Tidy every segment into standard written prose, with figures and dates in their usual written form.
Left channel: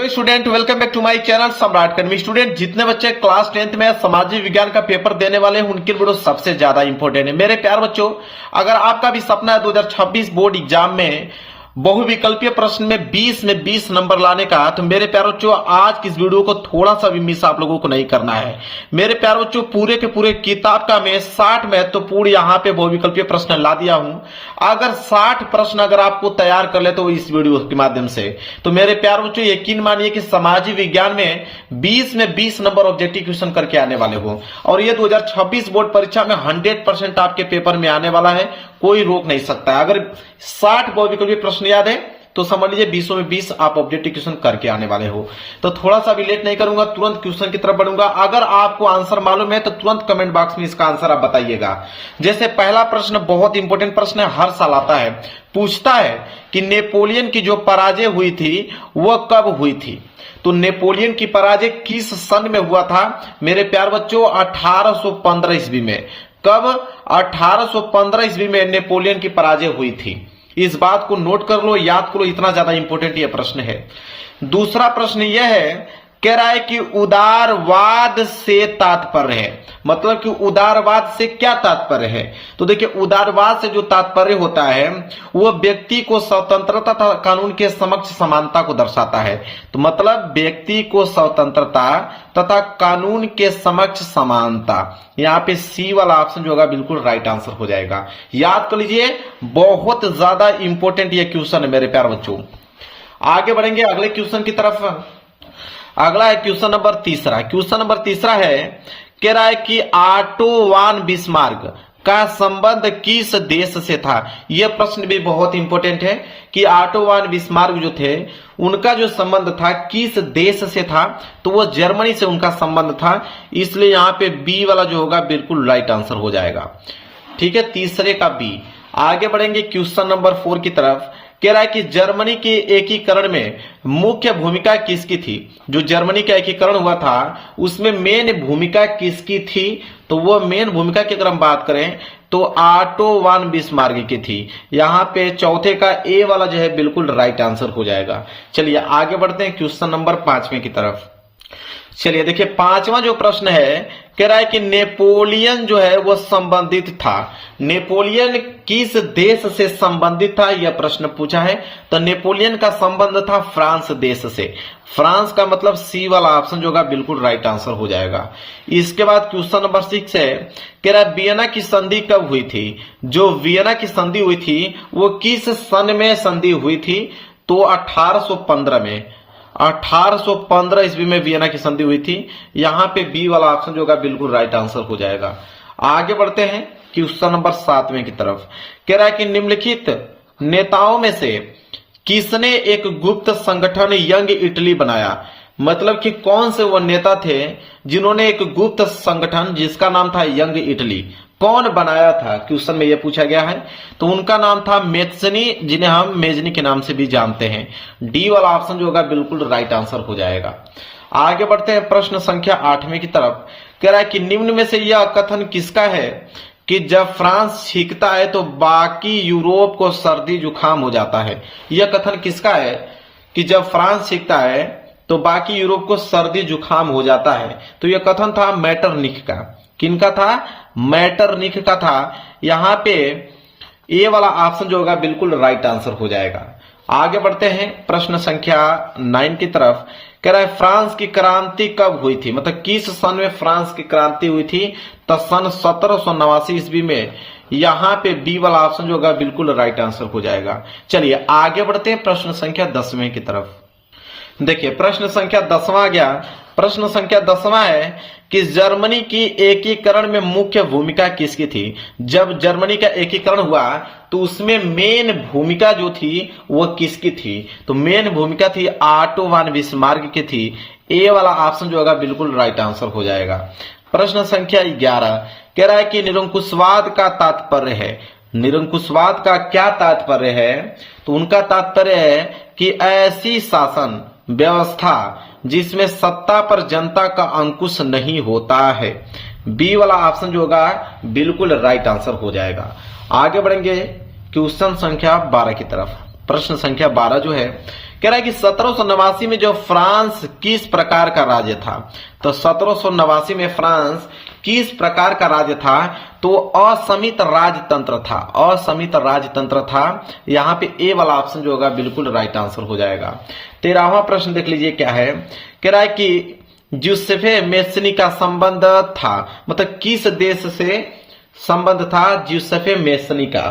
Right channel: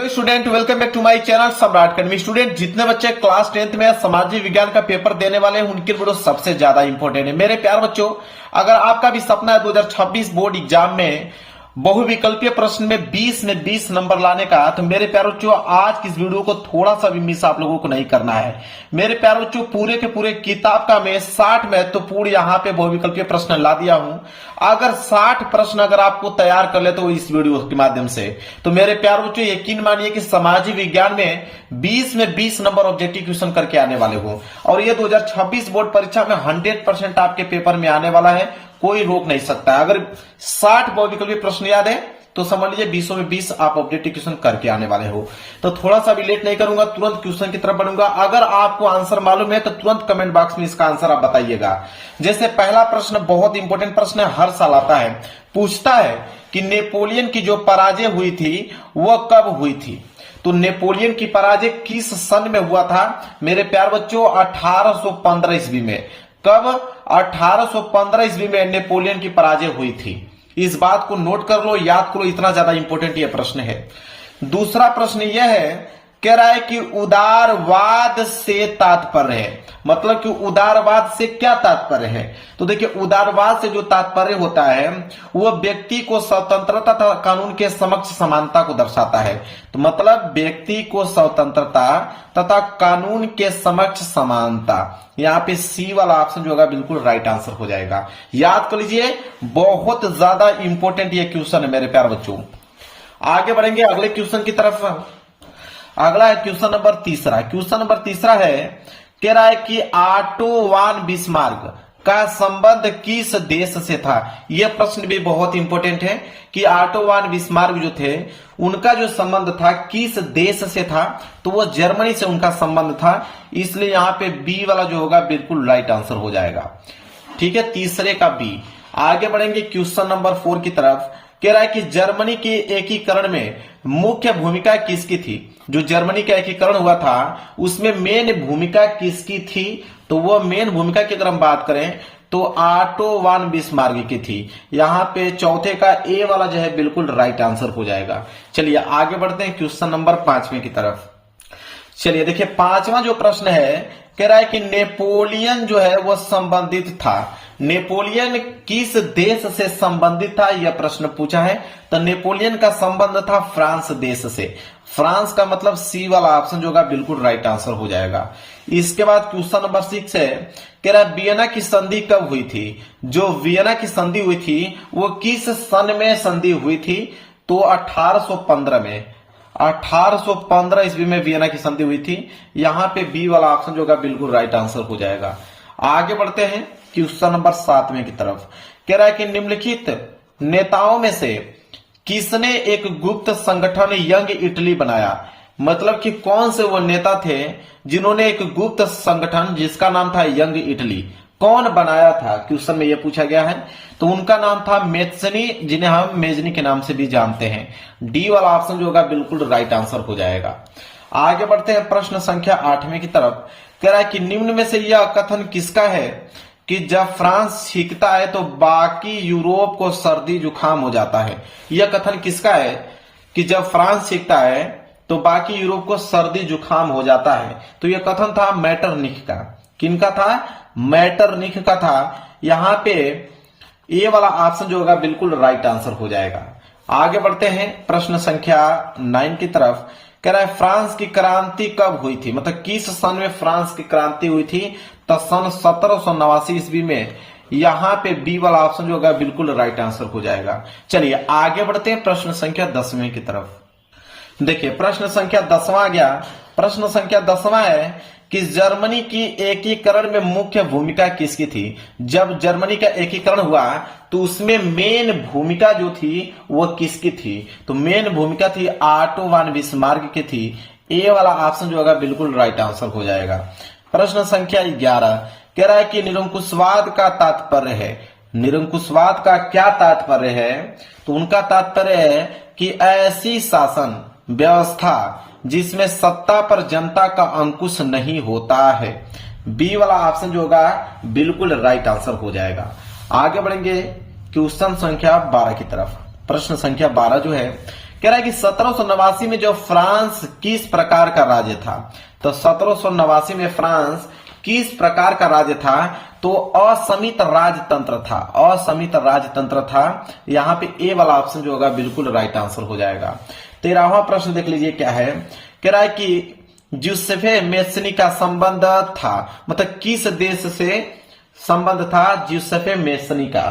Student welcome back to my channel Samrat academy. Student जितने बच्चे class 10th में सामाजिक विज्ञान का पेपर देने वाले हैं उनके वीडियो सबसे ज्यादा इंपॉर्टेंट है। मेरे प्यार बच्चों, अगर आपका भी सपना है 2026 बोर्ड एग्जाम में बहुविकल्पीय प्रश्न में 20 नंबर लाने का, तो मेरे प्यार बच्चों आज की इस वीडियो को थोड़ा सा भी मिस आप लोगों को नहीं करना है। मेरे प्यार बच्चों पूरे के पूरे किताब का मैं 60 महत्वपूर्ण यहाँ पे बहुविकल्पीय प्रश्न ला दिया हूं। अगर 60 प्रश्न अगर आपको तैयार कर ले तो इस वीडियो के माध्यम से, तो मेरे प्यार बच्चों यकीन मानिए कि सामाजिक विज्ञान में 20 नंबर ऑब्जेक्टिव क्वेश्चन करके आने वाले हो और ये 2026 बोर्ड परीक्षा में 100% आपके पेपर में आने वाला है, कोई रोक नहीं सकता। अगर 60 बहुविकल्पीय प्रश्न याद है तो समझ लीजिए 20 में 20 आप ऑब्जेक्टिव क्वेश्चन करके आने वाले हो। तो थोड़ा सा भी लेट नहीं करूंगा, तुरंत क्वेश्चन की तरफ बढ़ूंगा। अगर आपको आंसर मालूम है तो तुरंत कमेंट बॉक्स में इसका आंसर आप बताइएगा। जैसे पहला प्रश्न बहुत इंपॉर्टेंट प्रश्न है, हर साल आता है, पूछता है कि नेपोलियन की जो पराजय हुई थी वह कब हुई थी। तो नेपोलियन की पराजय किस सन में हुआ था मेरे प्यार बच्चों? 1815 ईस्वी में। कब? 1815 ईस्वी में नेपोलियन की पराजय हुई थी। इस बात को नोट कर लो, याद करो, इतना ज्यादा इंपॉर्टेंट यह प्रश्न है। दूसरा प्रश्न यह है, कह रहा है कि उदारवाद से तात्पर्य है, मतलब कि उदारवाद से क्या तात्पर्य है? तो देखिए उदारवाद से जो तात्पर्य होता है वह व्यक्ति को स्वतंत्रता तथा कानून के समक्ष समानता को दर्शाता है। तो मतलब व्यक्ति को स्वतंत्रता तथा कानून के समक्ष समानता, यहाँ पे सी वाला ऑप्शन जो होगा बिल्कुल राइट आंसर हो जाएगा। याद कर लीजिए, बहुत ज्यादा इंपॉर्टेंट ये क्वेश्चन है मेरे प्यार बच्चों। आगे बढ़ेंगे अगले क्वेश्चन की तरफ। अगला है क्वेश्चन नंबर तीसरा। क्वेश्चन नंबर तीसरा है, कह रहा है कि ऑटो वन बिस्मार्क का संबंध किस देश से था। यह प्रश्न भी बहुत इंपॉर्टेंट है कि ऑटो वन बिस्मार्क जो थे उनका जो संबंध था किस देश से था, तो वो जर्मनी से उनका संबंध था। इसलिए यहाँ पे बी वाला जो होगा बिल्कुल राइट आंसर हो जाएगा। ठीक है, तीसरे का बी। आगे बढ़ेंगे क्वेश्चन नंबर 4 की तरफ। कह रहा है कि जर्मनी के एकीकरण में मुख्य भूमिका किसकी थी। जो जर्मनी का एकीकरण हुआ था उसमें मेन भूमिका किसकी थी, तो वो मेन भूमिका की अगर हम बात करें तो ऑटो वन बिस्मार्क की थी। यहाँ पे चौथे का ए वाला जो है बिल्कुल राइट आंसर हो जाएगा। चलिए आगे बढ़ते हैं क्वेश्चन नंबर 5वें की तरफ। चलिए देखिए पांचवा जो प्रश्न है, कह रहा है कि नेपोलियन जो है वो संबंधित था। नेपोलियन किस देश से संबंधित था, यह प्रश्न पूछा है। तो नेपोलियन का संबंध था फ्रांस देश से। फ्रांस का मतलब सी वाला ऑप्शन जो होगा बिल्कुल राइट आंसर हो जाएगा। इसके बाद क्वेश्चन नंबर 6 है, कह रहा है वियना की संधि कब हुई थी। जो वियना की संधि हुई थी वो किस सन में संधि हुई थी, तो 1815 में। 1815 ईस्वी में वियना की संधि हुई थी। यहाँ पे बी वाला ऑप्शन जो होगा बिल्कुल राइट आंसर हो जाएगा। आगे बढ़ते हैं क्वेश्चन नंबर 7वें की तरफ। कह रहा है कि निम्नलिखित नेताओं में से किसने एक गुप्त संगठन यंग इटली बनाया। मतलब कि कौन से वो नेता थे जिन्होंने एक गुप्त संगठन जिसका नाम था यंग इटली, कौन बनाया था, क्वेश्चन में यह पूछा गया है। तो उनका नाम था मेत्सनी, जिन्हें हम मेजनी के नाम से भी जानते हैं। डी वाला ऑप्शन जो होगा बिल्कुल राइट आंसर हो जाएगा। आगे बढ़ते हैं प्रश्न संख्या 8वें की तरफ। कह रहा है कि निम्न में से यह कथन किसका है कि जब फ्रांस छींकता है तो बाकी यूरोप को सर्दी जुकाम हो जाता है। यह कथन किसका है कि जब फ्रांस छींकता है तो बाकी यूरोप को सर्दी जुकाम हो जाता है। तो यह कथन था मेटरनिख का। किनका था? मेटरनिख का था। यहाँ पे ए वाला ऑप्शन जो होगा बिल्कुल राइट आंसर हो जाएगा। आगे बढ़ते हैं प्रश्न संख्या 9 की तरफ। कह रहा है फ्रांस की क्रांति कब हुई थी, मतलब किस सन में फ्रांस की क्रांति हुई थी। तो सन 1789 ईस्वी में। यहाँ पे बी वाला ऑप्शन जो होगा बिल्कुल राइट आंसर हो जाएगा। चलिए आगे बढ़ते हैं प्रश्न संख्या 10वें की तरफ। देखिए प्रश्न संख्या 10वां आ गया। प्रश्न संख्या 10वां है कि जर्मनी की एकीकरण में मुख्य भूमिका किसकी थी। जब जर्मनी का एकीकरण हुआ तो उसमें मेन भूमिका जो थी वो किसकी थी, तो मेन भूमिका थी ऑटो वन बिस्मार्क की थी। ए वाला ऑप्शन जो होगा बिल्कुल राइट आंसर हो जाएगा। प्रश्न संख्या 11 कह रहा है कि निरंकुशवाद का तात्पर्य है। निरंकुशवाद का क्या तात्पर्य है, तो उनका तात्पर्य है कि ऐसी शासन व्यवस्था जिसमें सत्ता पर जनता का अंकुश नहीं होता है। बी वाला ऑप्शन जो होगा बिल्कुल राइट आंसर हो जाएगा। आगे बढ़ेंगे क्वेश्चन संख्या 12 की तरफ। प्रश्न संख्या 12 जो है, कह रहा है कि 1789 में जो फ्रांस किस प्रकार का राज्य था, तो 1789 में फ्रांस किस प्रकार का राज्य था, तो असमित राजतंत्र था, असमित राजतंत्र था। यहां पे ए वाला ऑप्शन जो होगा बिल्कुल राइट आंसर हो जाएगा। 13वां प्रश्न देख लीजिए क्या है, कह रहा है कि ज्यूसेफे मेस्नी का संबंध था, मतलब किस देश से संबंध था ज्यूसेफे मेस्नी का,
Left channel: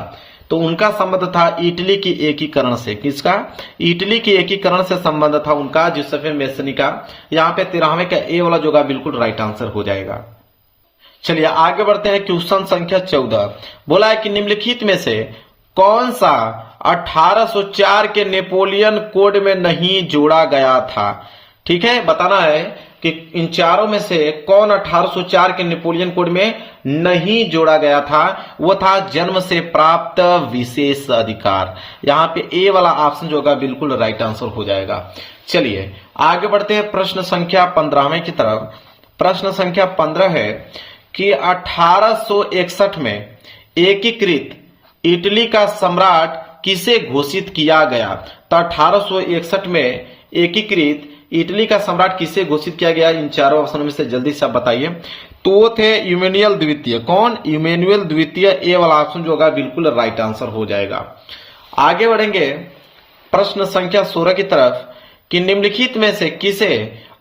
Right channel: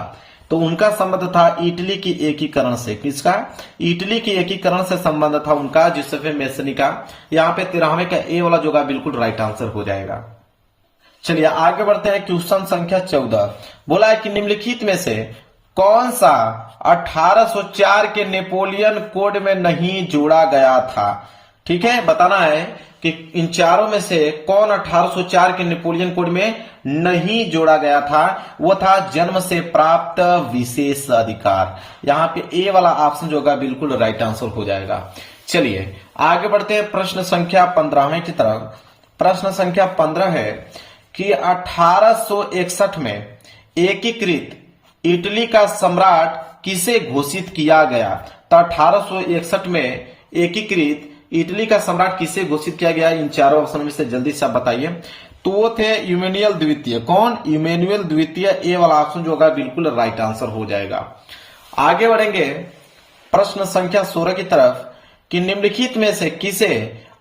तो उनका संबंध था इटली की एकीकरण से। किसका? इटली की एकीकरण से संबंध था उनका, ज्यूसेफे मेस्नी का। यहाँ पे 13वें का ए वाला जो होगा बिल्कुल राइट आंसर हो जाएगा। चलिए आगे बढ़ते हैं, क्वेश्चन संख्या 14 बोला है कि निम्नलिखित में से कौन सा 1804 के नेपोलियन कोड में नहीं जोड़ा गया था। ठीक है, बताना है कि इन चारों में से कौन 1804 के नेपोलियन कोड में नहीं जोड़ा गया था। वो था जन्म से प्राप्त विशेष अधिकार। यहां पे ए वाला ऑप्शन जो होगा बिल्कुल राइट आंसर हो जाएगा। चलिए आगे बढ़ते हैं प्रश्न संख्या 15वें की तरफ। प्रश्न संख्या 15 है कि 1861 में एकीकृत इटली का सम्राट किसे घोषित किया गया। तो 1861 में एकीकृत इटली का सम्राट किसे घोषित किया गया, इन चारों ऑप्शनों में से जल्दी से आप बताइए। तो वो थे इमैनुअल द्वितीय। कौन? इमैनुअल द्वितीय। ए वाला ऑप्शन जो होगा बिल्कुल राइट आंसर हो जाएगा। आगे बढ़ेंगे प्रश्न संख्या 16 की तरफ कि निम्नलिखित में से किसे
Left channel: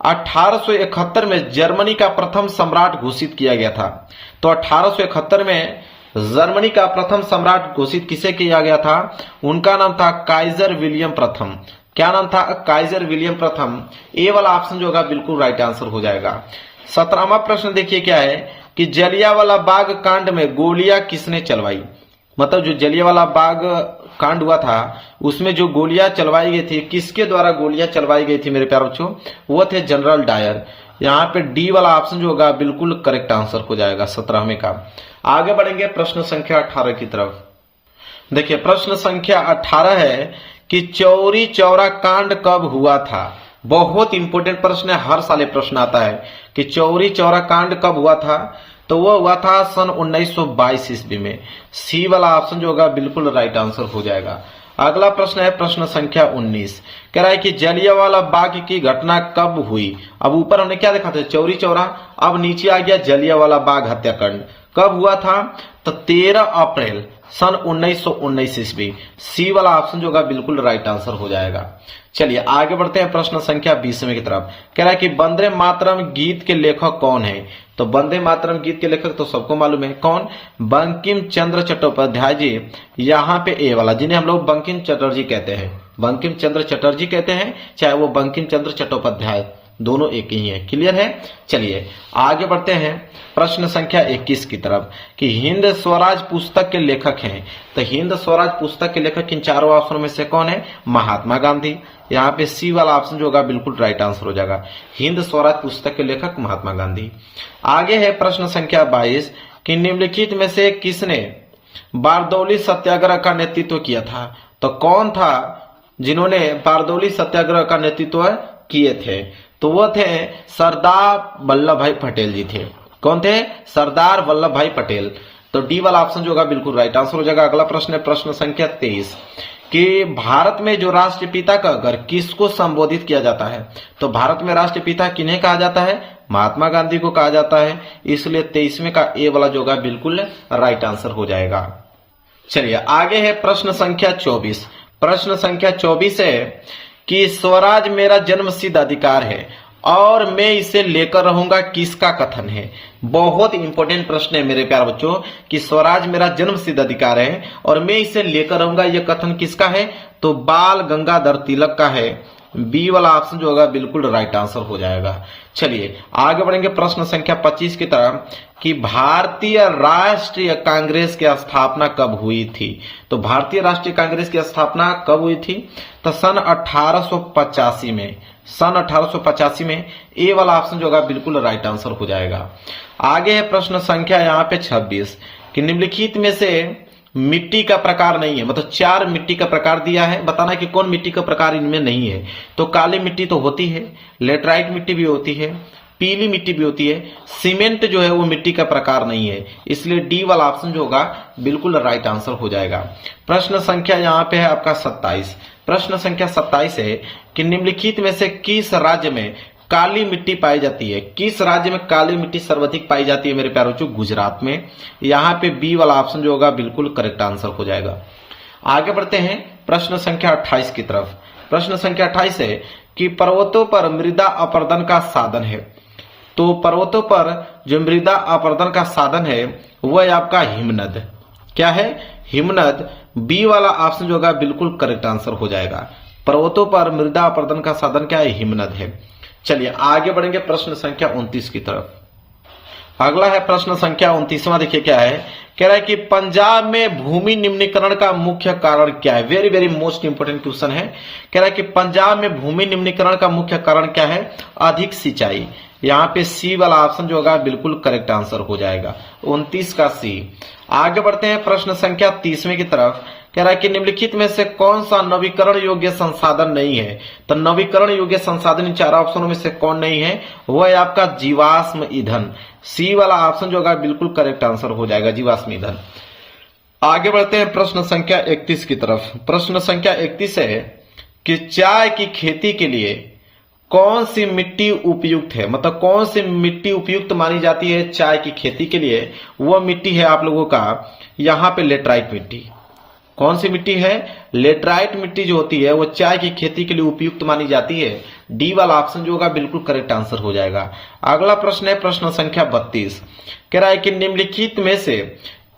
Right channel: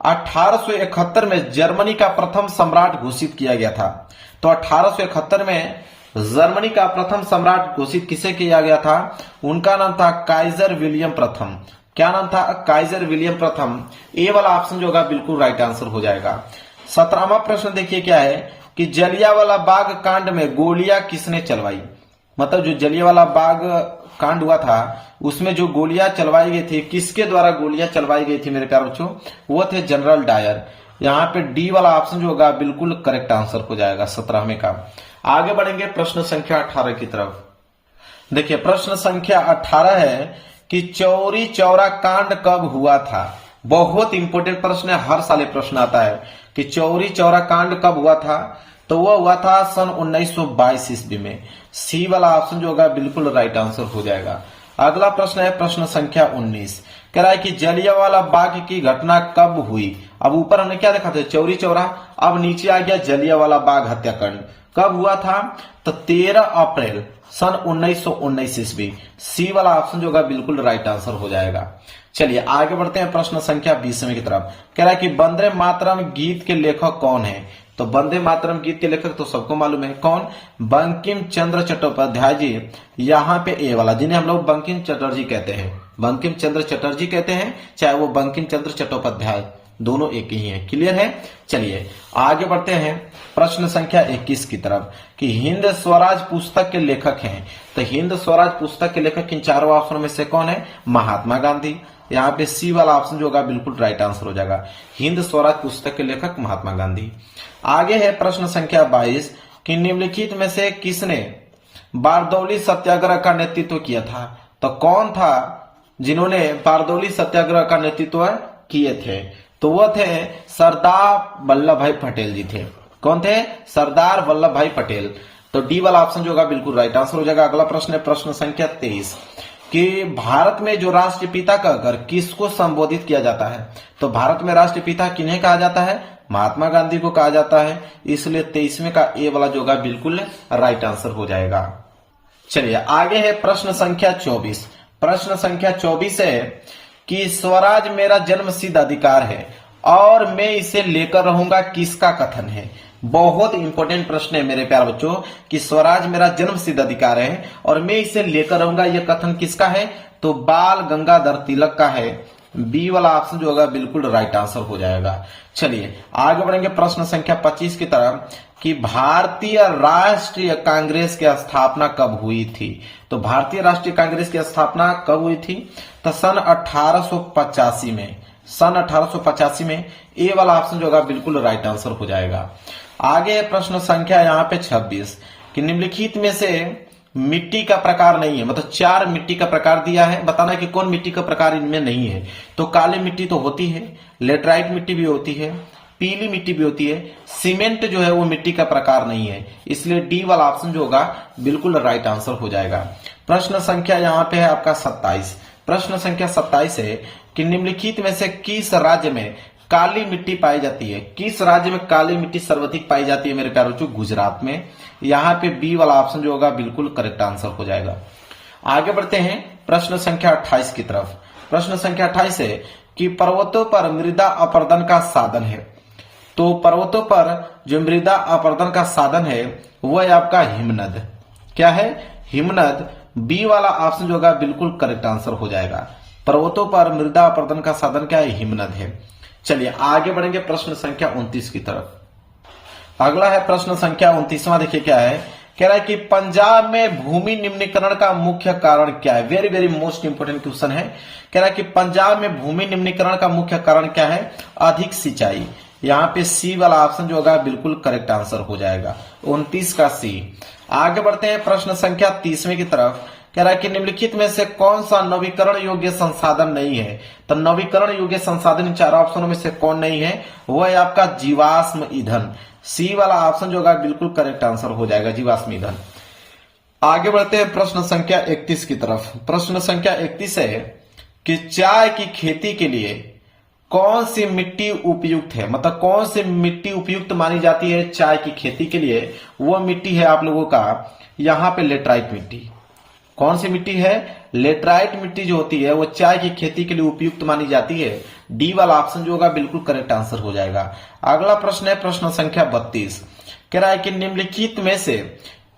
1871 में जर्मनी का प्रथम सम्राट घोषित किया गया था। तो 1871 में जर्मनी का प्रथम सम्राट घोषित किसे किया गया था, उनका नाम था काइजर विलियम प्रथम। क्या नाम था? काइजर विलियम प्रथम। ए वाला ऑप्शन जो होगा बिल्कुल राइट आंसर हो जाएगा। 17वां प्रश्न देखिए क्या है कि जलियांवाला बाग कांड में गोलियां किसने चलवाई। मतलब जो जलियांवाला बाग कांड हुआ था उसमें जो गोलियां चलवाई गई थी, किसके द्वारा गोलियां चलवाई गई थी मेरे प्यारे बच्चों, वो थे जनरल डायर। यहाँ पे डी वाला ऑप्शन जो होगा बिल्कुल करेक्ट आंसर हो जाएगा 17वें का। आगे बढ़ेंगे प्रश्न संख्या 18 की तरफ। देखिए प्रश्न संख्या 18 है कि चौरी चौरा कांड कब हुआ था। बहुत इंपोर्टेंट प्रश्न है, हर साल प्रश्न आता है कि चौरी चौरा कांड कब हुआ था। तो वो हुआ था सन 1922 ईस्वी में। सी वाला ऑप्शन जो होगा बिल्कुल राइट आंसर हो जाएगा। अगला प्रश्न है प्रश्न संख्या 19, कह रहा है कि जलियांवाला बाग की घटना कब हुई। अब ऊपर हमने क्या देखा था, चौरी चौरा, अब नीचे आ गया जलियांवाला बाग हत्याकांड। कब हुआ था? तो 13 अप्रैल सन 1919 ईस्वी। सी वाला ऑप्शन जो होगा बिल्कुल राइट आंसर हो जाएगा। चलिए आगे बढ़ते हैं प्रश्न संख्या 20वें की तरफ। कह रहा है कि वंदे मातरम गीत के लेखक कौन है। तो वंदे मातरम गीत के लेखक तो सबको मालूम है, कौन? बंकिम चंद्र चट्टोपाध्याय जी। यहाँ पे ए वाला, जिन्हें हम लोग बंकिम चटर्जी कहते हैं, बंकिम चंद्र चटर्जी कहते हैं, चाहे वो बंकिम चंद्र चट्टोपाध्याय, दोनों एक ही है। क्लियर है। चलिए आगे बढ़ते हैं प्रश्न संख्या 21 की तरफ कि हिंद स्वराज पुस्तक के लेखक हैं। तो हिंद स्वराज पुस्तक के लेखक इन चारों ऑप्शनों में से कौन है? महात्मा गांधी। यहाँ पे सी वाला ऑप्शन जो होगा बिल्कुल राइट आंसर हो जाएगा। हिंद स्वराज पुस्तक के लेखक महात्मा गांधी। आगे है प्रश्न संख्या 22 कि निम्नलिखित में से किसने बारदौली सत्याग्रह का नेतृत्व किया था। तो कौन था जिन्होंने बारदौली सत्याग्रह का नेतृत्व किए थे? तो वो थे सरदार वल्लभ भाई पटेल जी थे। कौन थे? सरदार वल्लभ भाई पटेल। तो डी वाला ऑप्शन जो होगा बिल्कुल राइट आंसर हो जाएगा। अगला प्रश्न है प्रश्न संख्या 23 कि भारत में जो राष्ट्रपिता का घर किसको संबोधित किया जाता है। तो भारत में राष्ट्रपिता किन्हें कहा जाता है? महात्मा गांधी को कहा जाता है। इसलिए 23वें का ए वाला जो होगा बिल्कुल राइट आंसर हो जाएगा। चलिए आगे है प्रश्न संख्या 24। प्रश्न संख्या 24 है कि स्वराज मेरा जन्मसिद्ध अधिकार है और मैं इसे लेकर रहूंगा, किसका कथन है। बहुत इंपॉर्टेंट प्रश्न है मेरे प्यारे बच्चों कि स्वराज मेरा जन्मसिद्ध अधिकार है और मैं इसे लेकर रहूंगा, यह कथन किसका है? तो बाल गंगाधर तिलक का है। बी वाला ऑप्शन जो होगा बिल्कुल राइट आंसर हो जाएगा। चलिए आगे बढ़ेंगे प्रश्न संख्या 25 की तरफ कि भारतीय राष्ट्रीय कांग्रेस की स्थापना कब हुई थी। तो भारतीय राष्ट्रीय कांग्रेस की स्थापना कब हुई थी? तो सन 1885 में। सन 1885 में। ए वाला ऑप्शन जो होगा बिल्कुल राइट आंसर हो जाएगा। आगे है प्रश्न संख्या यहाँ पे 26 कि निम्नलिखित में से मिट्टी का प्रकार नहीं है। मतलब 4 मिट्टी का प्रकार दिया है, बताना है कि कौन मिट्टी का प्रकार इनमें नहीं है। तो काली मिट्टी तो होती है, लेटराइट मिट्टी भी होती है, पीली मिट्टी भी होती है, सीमेंट जो है वो मिट्टी का प्रकार नहीं है। इसलिए डी वाला ऑप्शन जो होगा बिल्कुल राइट आंसर हो जाएगा। प्रश्न संख्या यहाँ पे है आपका 27 प्रश्न संख्या 27 है कि निम्नलिखित में से किस राज्य में काली मिट्टी पाई जाती है? किस राज्य में काली मिट्टी सर्वाधिक पाई जाती है मेरे प्यारे बच्चों? गुजरात में। यहाँ पे बी वाला ऑप्शन जो होगा बिल्कुल करेक्ट आंसर हो जाएगा। आगे बढ़ते हैं प्रश्न संख्या 28 की तरफ। प्रश्न संख्या 28 है कि पर्वतों पर मृदा अपर्दन का साधन है। तो पर्वतों पर जो मृदा अपर्दन का साधन है वह आपका हिमनद। क्या है? हिमनद। बी वाला ऑप्शन जो होगा बिल्कुल करेक्ट आंसर हो जाएगा। पर्वतों पर मृदा अपर्दन का साधन क्या है? हिमनद है। चलिए आगे बढ़ेंगे प्रश्न संख्या 29 की तरफ। अगला है प्रश्न संख्या 29वां। देखिए क्या है, कह रहा है कि पंजाब में भूमि निम्नीकरण का मुख्य कारण क्या है? Very very most important question है। कह रहा है कि पंजाब में भूमि निम्नीकरण का मुख्य कारण क्या है? अधिक सिंचाई। यहाँ पे सी वाला ऑप्शन जो होगा बिल्कुल करेक्ट आंसर हो जाएगा, 29 का सी। आगे बढ़ते हैं प्रश्न संख्या 30वें की तरफ। कह रहा है कि निम्नलिखित में से कौन सा नवीकरण योग्य संसाधन नहीं है? तो नवीकरण योग्य संसाधन इन चार ऑप्शनों में से कौन नहीं है? वह है आपका जीवाश्म ईंधन। सी वाला ऑप्शन जो होगा बिल्कुल करेक्ट आंसर हो जाएगा, जीवाश्म ईंधन। आगे बढ़ते हैं प्रश्न संख्या 31 की तरफ। प्रश्न संख्या 31 है कि चाय की खेती के लिए कौन सी मिट्टी उपयुक्त है? मतलब कौन सी मिट्टी उपयुक्त मानी जाती है चाय की खेती के लिए? वह मिट्टी है आप लोगों का यहाँ पे लेटराइट मिट्टी। कौन सी मिट्टी है? लेटराइट मिट्टी जो होती है वो चाय की खेती के लिए उपयुक्त मानी जाती है। डी वाला ऑप्शन जो होगा बिल्कुल करेक्ट आंसर हो जाएगा। अगला प्रश्न है प्रश्न संख्या 32। कह रहा है कि निम्नलिखित में से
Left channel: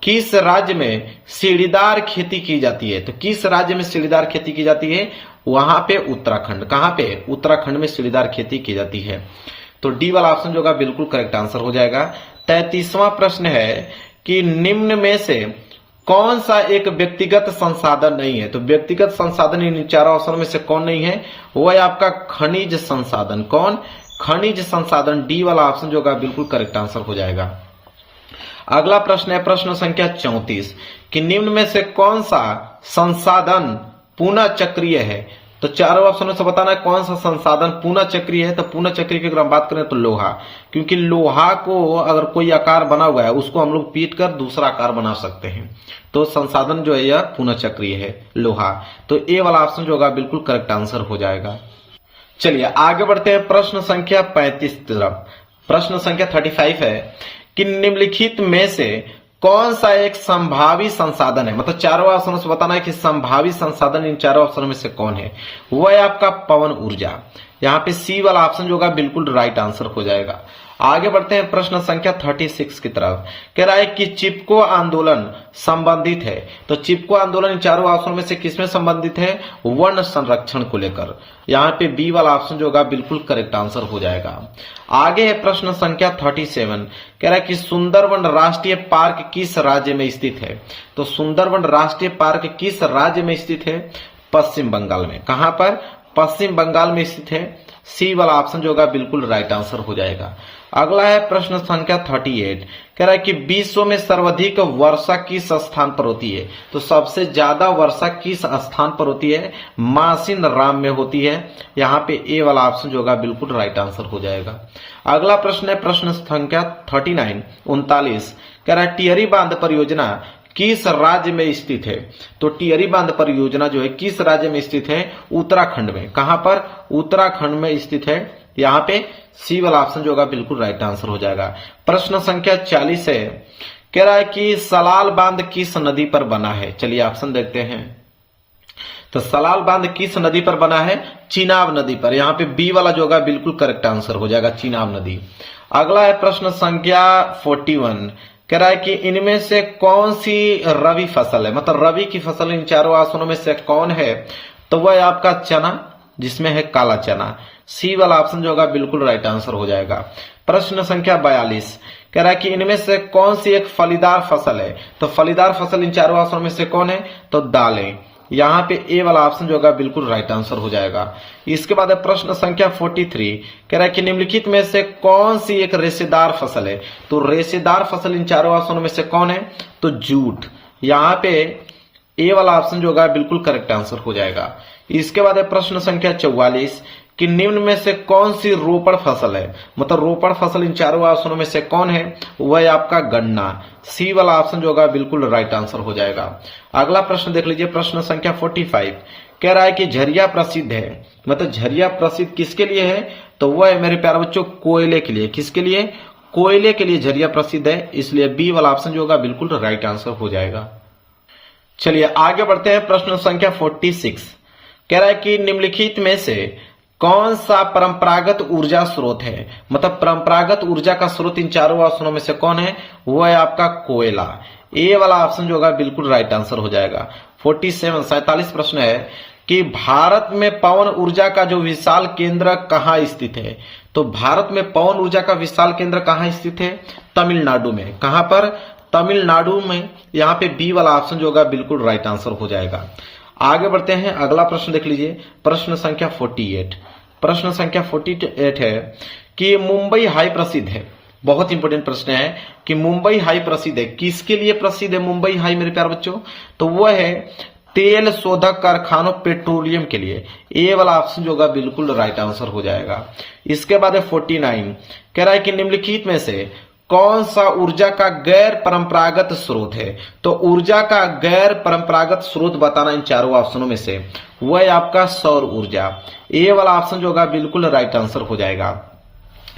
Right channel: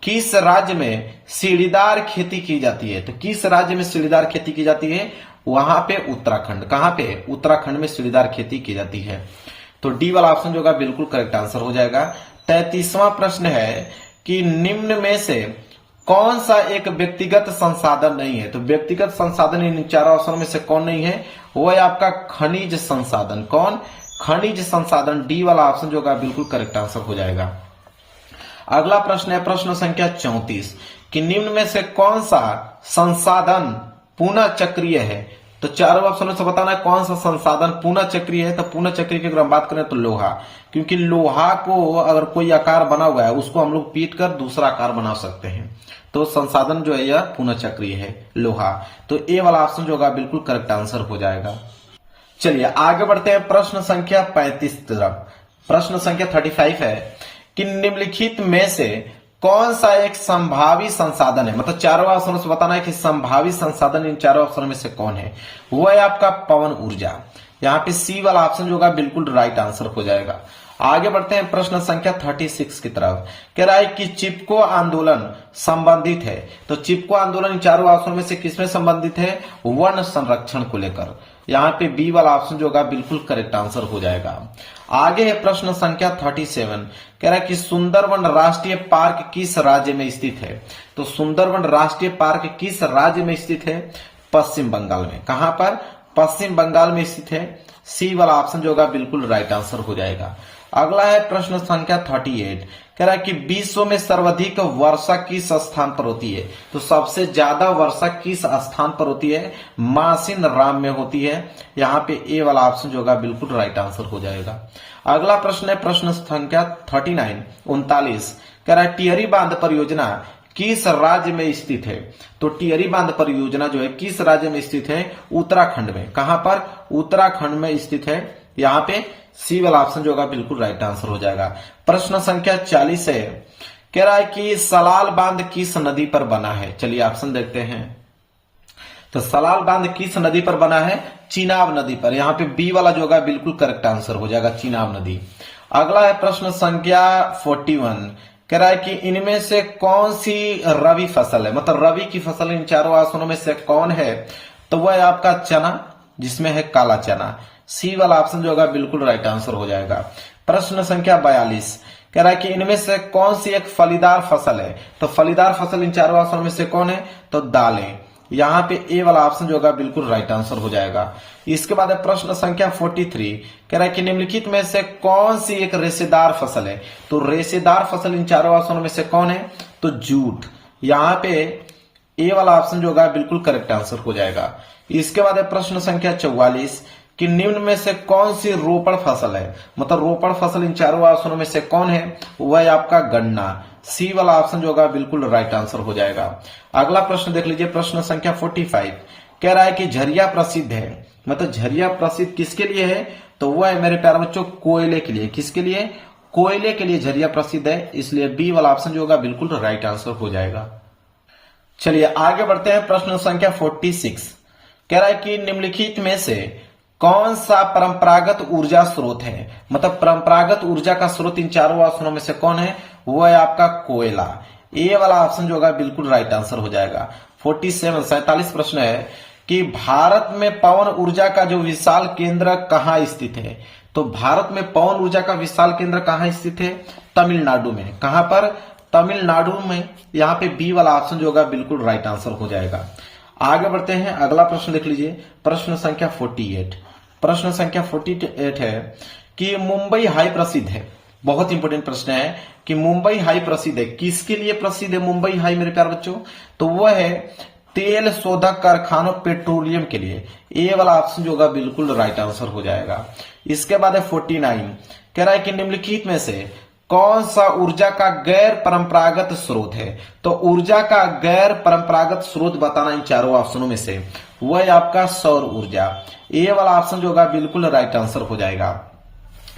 किस राज्य में सीढ़ीदार खेती की जाती है? तो किस राज्य में सीढ़ीदार खेती की जाती है? वहां पे उत्तराखंड। कहां पे? उत्तराखंड में सीढ़ीदार खेती की जाती है। तो डी वाला ऑप्शन जो होगा बिल्कुल करेक्ट आंसर हो जाएगा। 33वां प्रश्न है कि निम्न में से कौन सा एक व्यक्तिगत संसाधन नहीं है? तो व्यक्तिगत संसाधन इन चारों ऑप्शन में से कौन नहीं है? वो है आपका खनिज संसाधन। कौन? खनिज संसाधन। डी वाला ऑप्शन जो होगा बिल्कुल करेक्ट आंसर हो जाएगा। अगला प्रश्न है प्रश्न संख्या 34 कि निम्न में से कौन सा संसाधन पुनः चक्रीय है? तो चारों ऑप्शनों से बताना है कौन सा संसाधन पुनः चक्रीय है। तो पुनः चक्रीय की अगर हम बात करें तो लोहा, क्योंकि लोहा को अगर कोई आकार बना हुआ है उसको हम लोग पीट कर दूसरा आकार बना सकते हैं। तो संसाधन जो है यह पुनः चक्रीय है, लोहा। तो ए वाला ऑप्शन जो होगा बिल्कुल करेक्ट आंसर हो जाएगा। चलिए आगे बढ़ते हैं प्रश्न संख्या 35 तरफ। प्रश्न संख्या 35 है कि निम्नलिखित में से कौन सा एक संभावी संसाधन है? मतलब चारों ऑप्शनों से बताना है कि संभावी संसाधन इन चारों ऑप्शनों में से कौन है? वो है आपका पवन ऊर्जा। यहाँ पे सी वाला ऑप्शन जो होगा बिल्कुल राइट आंसर हो जाएगा। आगे बढ़ते हैं प्रश्न संख्या 36 की तरफ। कह रहा है कि चिपको आंदोलन संबंधित है। तो चिपको आंदोलन इन चारों ऑप्शन में से किसमें संबंधित है? वन संरक्षण को लेकर। यहाँ पे बी वाला ऑप्शन जो होगा बिल्कुल करेक्ट आंसर हो जाएगा। आगे है प्रश्न संख्या 37। कह रहा है कि सुंदरवन राष्ट्रीय पार्क किस राज्य में स्थित है? तो सुंदरवन राष्ट्रीय पार्क किस राज्य में स्थित है? पश्चिम बंगाल में। कहां पर? पश्चिम बंगाल में स्थित है। सी वाला ऑप्शन जो होगा बिल्कुल राइट आंसर हो जाएगा। अगला है प्रश्न संख्या 38। कह रहा है कि विश्व में सर्वाधिक वर्षा किस स्थान पर होती है? तो सबसे ज्यादा वर्षा किस स्थान पर होती है? मासिन राम में होती है। यहाँ पे ए वाला ऑप्शन जो होगा बिल्कुल राइट आंसर हो जाएगा। अगला प्रश्न है प्रश्न संख्या 39। कह रहा है टिहरी बांध परियोजना किस राज्य में स्थित है? तो टिहरी बांध परियोजना जो है किस राज्य में स्थित है? उत्तराखंड में। कहां पर? उत्तराखंड में स्थित है। यहाँ पे सी वाला ऑप्शन जो होगा बिल्कुल राइट आंसर हो जाएगा। प्रश्न संख्या 40 है। कह रहा है कि सलाल बांध किस नदी पर बना है? चलिए ऑप्शन देखते हैं। तो सलाल बांध किस नदी पर बना है? चिनाब नदी पर। यहाँ पे बी वाला जो होगा बिल्कुल करेक्ट आंसर हो जाएगा, चिनाब नदी। अगला है प्रश्न संख्या 41। कह रहा है कि इनमें से कौन सी रबी फसल है? मतलब रबी की फसल इन चारों ऑप्शनों में से कौन है? तो वह है आपका चना, जिसमें है काला चना। सी वाला ऑप्शन जो होगा बिल्कुल राइट आंसर हो जाएगा। प्रश्न संख्या 42। कह रहा है कि इनमें से कौन सी एक फलीदार फसल है? तो फलीदार फसल इन चारों ऑप्शनों में से कौन है? तो दालें। यहाँ पे ए वाला ऑप्शन जो होगा बिल्कुल राइट आंसर हो जाएगा। इसके बाद है प्रश्न संख्या 43। कह रहा है कि निम्नलिखित में से कौन सी एक रेशेदार फसल है? तो रेशेदार फसल इन चारों ऑप्शनों में से कौन है? तो जूट। यहाँ पे ए वाला ऑप्शन जो होगा बिल्कुल करेक्ट आंसर हो जाएगा। इसके बाद है प्रश्न संख्या 44 कि निम्न में से कौन सी रोपड़ फसल है? मतलब रोपड़ फसल इन चारों ऑप्शनों में से कौन है? वह है आपका गन्ना। सी वाला ऑप्शन जो होगा बिल्कुल राइट आंसर हो जाएगा। अगला प्रश्न देख लीजिए, प्रश्न संख्या 45। कह रहा है कि झरिया प्रसिद्ध है, मतलब झरिया प्रसिद्ध किसके लिए है? तो वह है मेरे प्यारे बच्चों कोयले के लिए। किसके लिए? कोयले के लिए झरिया प्रसिद्ध है, इसलिए बी वाला ऑप्शन जो होगा बिल्कुल राइट आंसर हो जाएगा। चलिए आगे बढ़ते हैं। प्रश्न संख्या 46 कह रहा है कि निम्नलिखित में से कौन सा परंपरागत ऊर्जा स्रोत है? मतलब परंपरागत ऊर्जा का स्रोत इन चारों ऑप्शनों में से कौन है? वो है आपका कोयला। ए वाला ऑप्शन जो होगा बिल्कुल राइट आंसर हो जाएगा। 47 प्रश्न है कि भारत में पवन ऊर्जा का जो विशाल केंद्र कहाँ स्थित है? तो भारत में पवन ऊर्जा का विशाल केंद्र कहाँ स्थित है? तमिलनाडु में। कहां पर? तमिलनाडु में। यहाँ पे बी वाला ऑप्शन जो होगा बिल्कुल राइट आंसर हो जाएगा। आगे बढ़ते हैं, अगला प्रश्न देख लीजिए। प्रश्न संख्या 48। प्रश्न संख्या 48 है कि मुंबई हाई प्रसिद्ध है। बहुत इंपॉर्टेंट प्रश्न है कि मुंबई हाई प्रसिद्ध है। किसके लिए प्रसिद्ध है मुंबई हाई मेरे प्यारे बच्चों? तो वह है तेल शोधक कारखानों पेट्रोलियम के लिए। ए वाला ऑप्शन जो होगा बिल्कुल राइट आंसर हो जाएगा। इसके बाद है 49 कह रहा है कि निम्नलिखित में से कौन सा ऊर्जा का गैर परंपरागत स्रोत है? तो ऊर्जा का गैर परंपरागत स्रोत बताना इन चारों ऑप्शनों में से, वह है आपका सौर ऊर्जा। ए वाला ऑप्शन जो होगा बिल्कुल राइट आंसर हो जाएगा।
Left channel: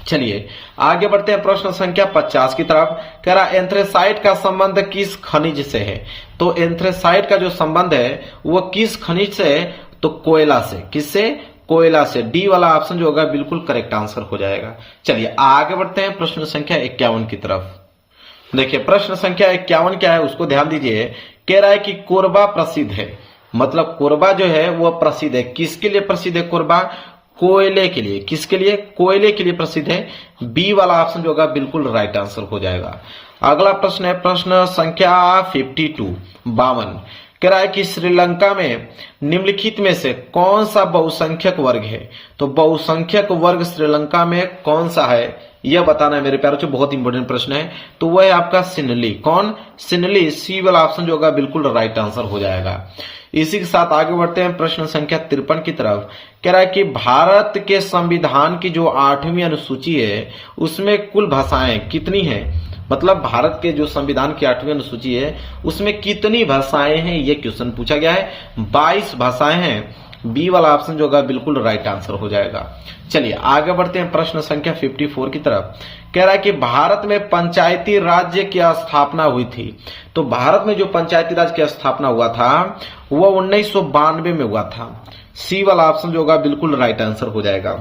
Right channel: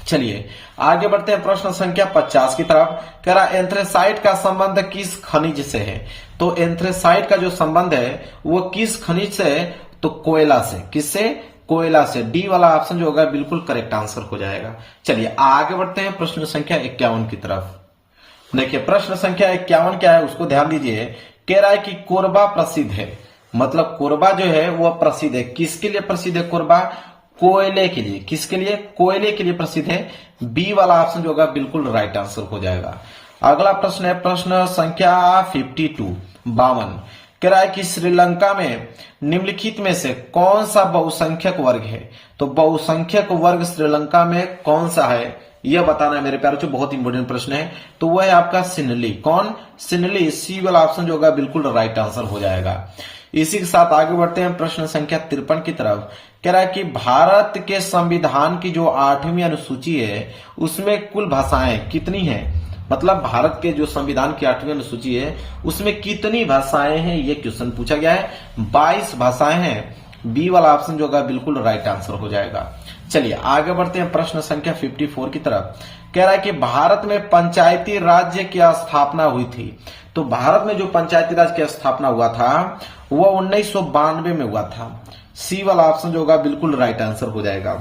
चलिए आगे बढ़ते हैं प्रश्न संख्या 50 की तरफ। कह रहा एंथ्रेसाइट का संबंध किस खनिज से है? तो एंथ्रेसाइट का जो संबंध है वो किस खनिज से है? तो कोयला से। किससे? कोयला से। डी वाला ऑप्शन जो होगा बिल्कुल करेक्ट आंसर हो जाएगा। चलिए आगे बढ़ते हैं प्रश्न संख्या 51 की तरफ। देखिए प्रश्न संख्या 51 क्या है उसको ध्यान दीजिए। कह रहा है कि कोरबा प्रसिद्ध है। मतलब कोरबा जो है वो प्रसिद्ध है। किसके लिए प्रसिद्ध है कोरबा? कोयले के लिए। किसके लिए? कोयले के लिए प्रसिद्ध है। बी वाला ऑप्शन जो होगा बिल्कुल राइट आंसर हो जाएगा। अगला प्रश्न है प्रश्न संख्या 52 कह रहा है कि श्रीलंका में निम्नलिखित में से कौन सा बहुसंख्यक वर्ग है? तो बहुसंख्यक वर्ग श्रीलंका में कौन सा है यह बताना है मेरे प्यारे बच्चों। बहुत इंपॉर्टेंट प्रश्न है। तो वह है आपका सिनली। कौन? सिनली। सी वाला ऑप्शन जो होगा बिल्कुल राइट आंसर हो जाएगा। इसी के साथ आगे बढ़ते हैं प्रश्न संख्या 53 की तरफ। कह रहा है कि भारत के संविधान की जो 8वीं अनुसूची है उसमें कुल भाषाएं कितनी हैं? मतलब भारत के जो संविधान की 8वीं अनुसूची है उसमें कितनी भाषाएं हैं ये क्वेश्चन पूछा गया है। 22 भाषाएं हैं। बी वाला ऑप्शन जो होगा बिल्कुल राइट आंसर हो जाएगा। चलिए आगे बढ़ते हैं प्रश्न संख्या 54 की तरफ। कह रहा है कि भारत में पंचायती राज्य की स्थापना हुई थी। तो भारत में जो पंचायती राज की स्थापना हुआ था वह 1992 में हुआ था। सी वाला ऑप्शन जो होगा बिल्कुल राइट आंसर हो जाएगा।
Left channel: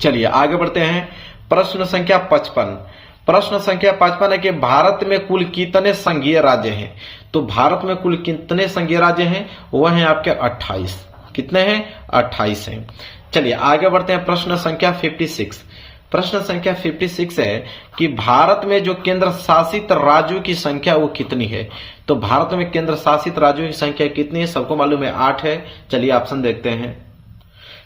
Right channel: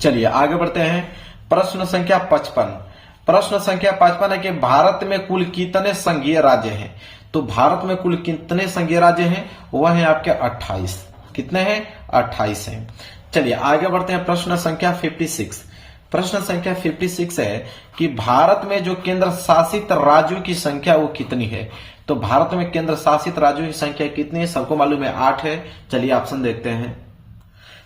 चलिए आगे बढ़ते हैं प्रश्न संख्या 55। प्रश्न संख्या 55 है कि भारत में कुल कितने संघीय राज्य हैं? तो भारत में कुल कितने संघीय राज्य हैं? वह हैं आपके 28। कितने हैं? 28 हैं। चलिए आगे बढ़ते हैं प्रश्न संख्या 56। प्रश्न संख्या 56 है कि भारत में जो केंद्र शासित राज्यों की संख्या वो कितनी है? तो भारत में केंद्र शासित राज्यों की संख्या कितनी है? सबको मालूम है 8 है। चलिए ऑप्शन देखते हैं।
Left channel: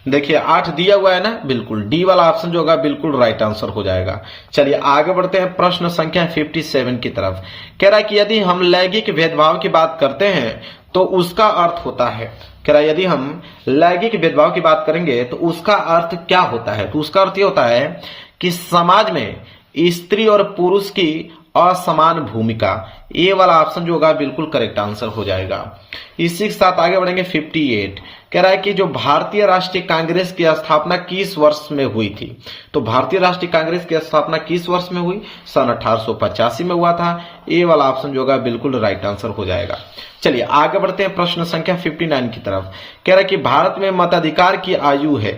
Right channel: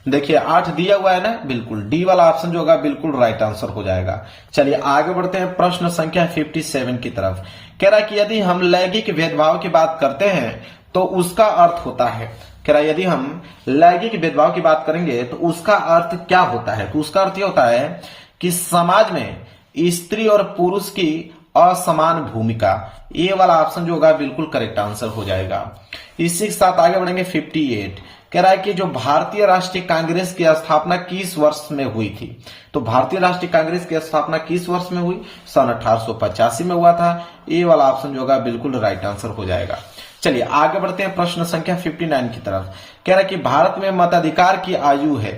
देखिए 8 दिया हुआ है ना, बिल्कुल डी वाला ऑप्शन जो होगा बिल्कुल राइट आंसर हो जाएगा। चलिए आगे बढ़ते हैं प्रश्न संख्या 57 की तरफ। कह रहा है कि यदि हम लैंगिक भेदभाव की बात करते हैं तो उसका अर्थ होता है। कह रहा है यदि हम लैंगिक भेदभाव की बात करेंगे तो उसका अर्थ क्या होता है? तो उसका अर्थ ये होता है कि समाज में स्त्री और पुरुष की असमान भूमिका। ए वाला ऑप्शन जो होगा बिल्कुल करेक्ट आंसर हो जाएगा। इसी के साथ आगे बढ़ेंगे 58। कह रहा है कि जो भारतीय राष्ट्रीय कांग्रेस की स्थापना किस वर्ष में हुई थी? तो भारतीय राष्ट्रीय कांग्रेस की स्थापना किस वर्ष में हुई? सन 1885 में हुआ था। ए वाला ऑप्शन जो होगा बिल्कुल राइट आंसर हो जाएगा। चलिए आगे बढ़ते हैं प्रश्न संख्या 59 की तरफ। कह रहा है कि भारत में मताधिकार की आयु है।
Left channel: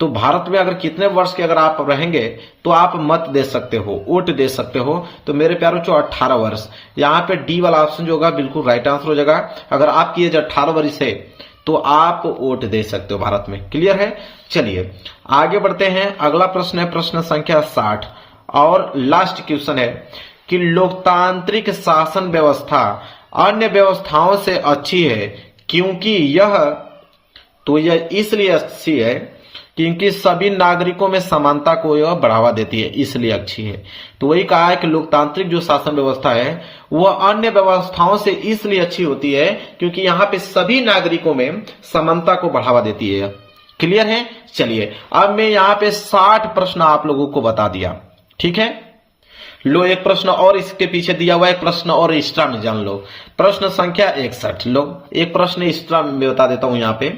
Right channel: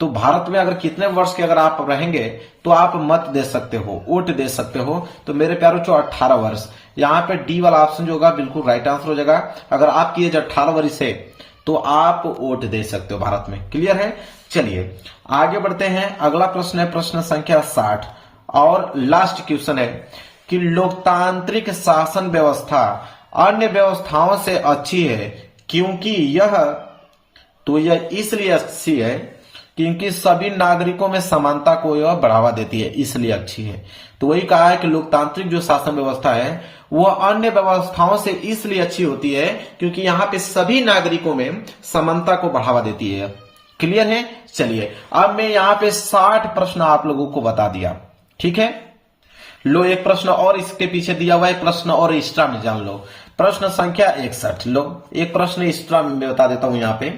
तो भारत में अगर कितने वर्ष के अगर आप रहेंगे तो आप मत दे सकते हो, वोट दे सकते हो। तो मेरे प्यारों जो 18 वर्ष। यहाँ पे डी वाला ऑप्शन जो होगा बिल्कुल राइट आंसर हो जाएगा। अगर आपकी एज 18 वर्ष है तो आप वोट दे सकते हो भारत में। क्लियर है? चलिए आगे बढ़ते हैं। अगला प्रश्न है प्रश्न संख्या 60 और लास्ट क्वेश्चन है कि लोकतांत्रिक शासन व्यवस्था अन्य व्यवस्थाओं से अच्छी है क्योंकि यह इसलिए अच्छी है क्योंकि सभी नागरिकों में समानता को यह बढ़ावा देती है, इसलिए अच्छी है। तो वही कहा है कि लोकतांत्रिक जो शासन व्यवस्था है वह अन्य व्यवस्थाओं से इसलिए अच्छी होती है क्योंकि यहाँ पे सभी नागरिकों में समानता को बढ़ावा देती है। क्लियर है? चलिए अब मैं यहाँ पे 60 प्रश्न आप लोगों को बता दिया। ठीक है, लो एक प्रश्न और इसके पीछे दिया हुआ है, प्रश्न और एक्स्ट्रा में जान लो। प्रश्न संख्या 61। लो एक प्रश्न एक्स्ट्रा में बता देता हूं। यहाँ पे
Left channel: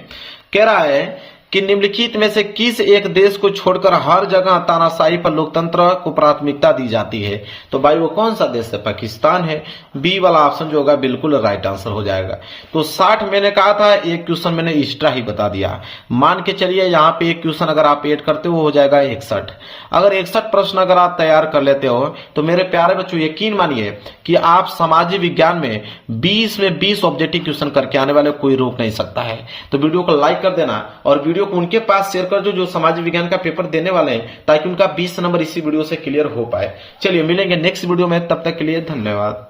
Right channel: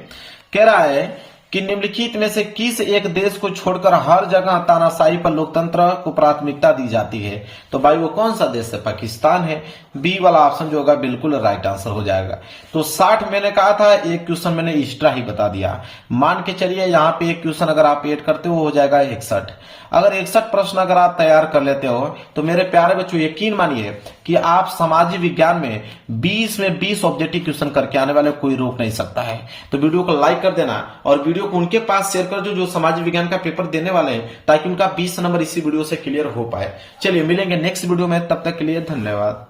कह रहा है कि निम्नलिखित में से किस एक देश को छोड़कर हर जगह तानाशाही पर लोकतंत्र को प्राथमिकता दी जाती है? तो भाई वो कौन सा देश है? पाकिस्तान है। बी वाला ऑप्शन जो होगा बिल्कुल राइट आंसर हो जाएगा। तो 60 मैंने कहा था, एक क्वेश्चन मैंने एक्स्ट्रा ही बता दिया। मान के चलिए यहाँ पे एक क्वेश्चन अगर आप ऐड करते हो जाएगा 61। अगर 61 प्रश्न अगर आप तैयार कर लेते हो तो मेरे प्यारे बच्चों यकीन मानिए कि आप सामाजिक विज्ञान में 20 में 20 ऑब्जेक्टिव क्वेश्चन करके आने वाले कोई रोक नहीं सकता है। तो वीडियो को लाइक कर देना और वीडियो को उनके पास शेयर कर दो जो सामाजिक विज्ञान का पेपर देने वाले हैं, ताकि उनका 20 नंबर इसी वीडियो से क्लियर हो पाए। चलिए मिलेंगे नेक्स्ट वीडियो में, तब तक के लिए धन्यवाद।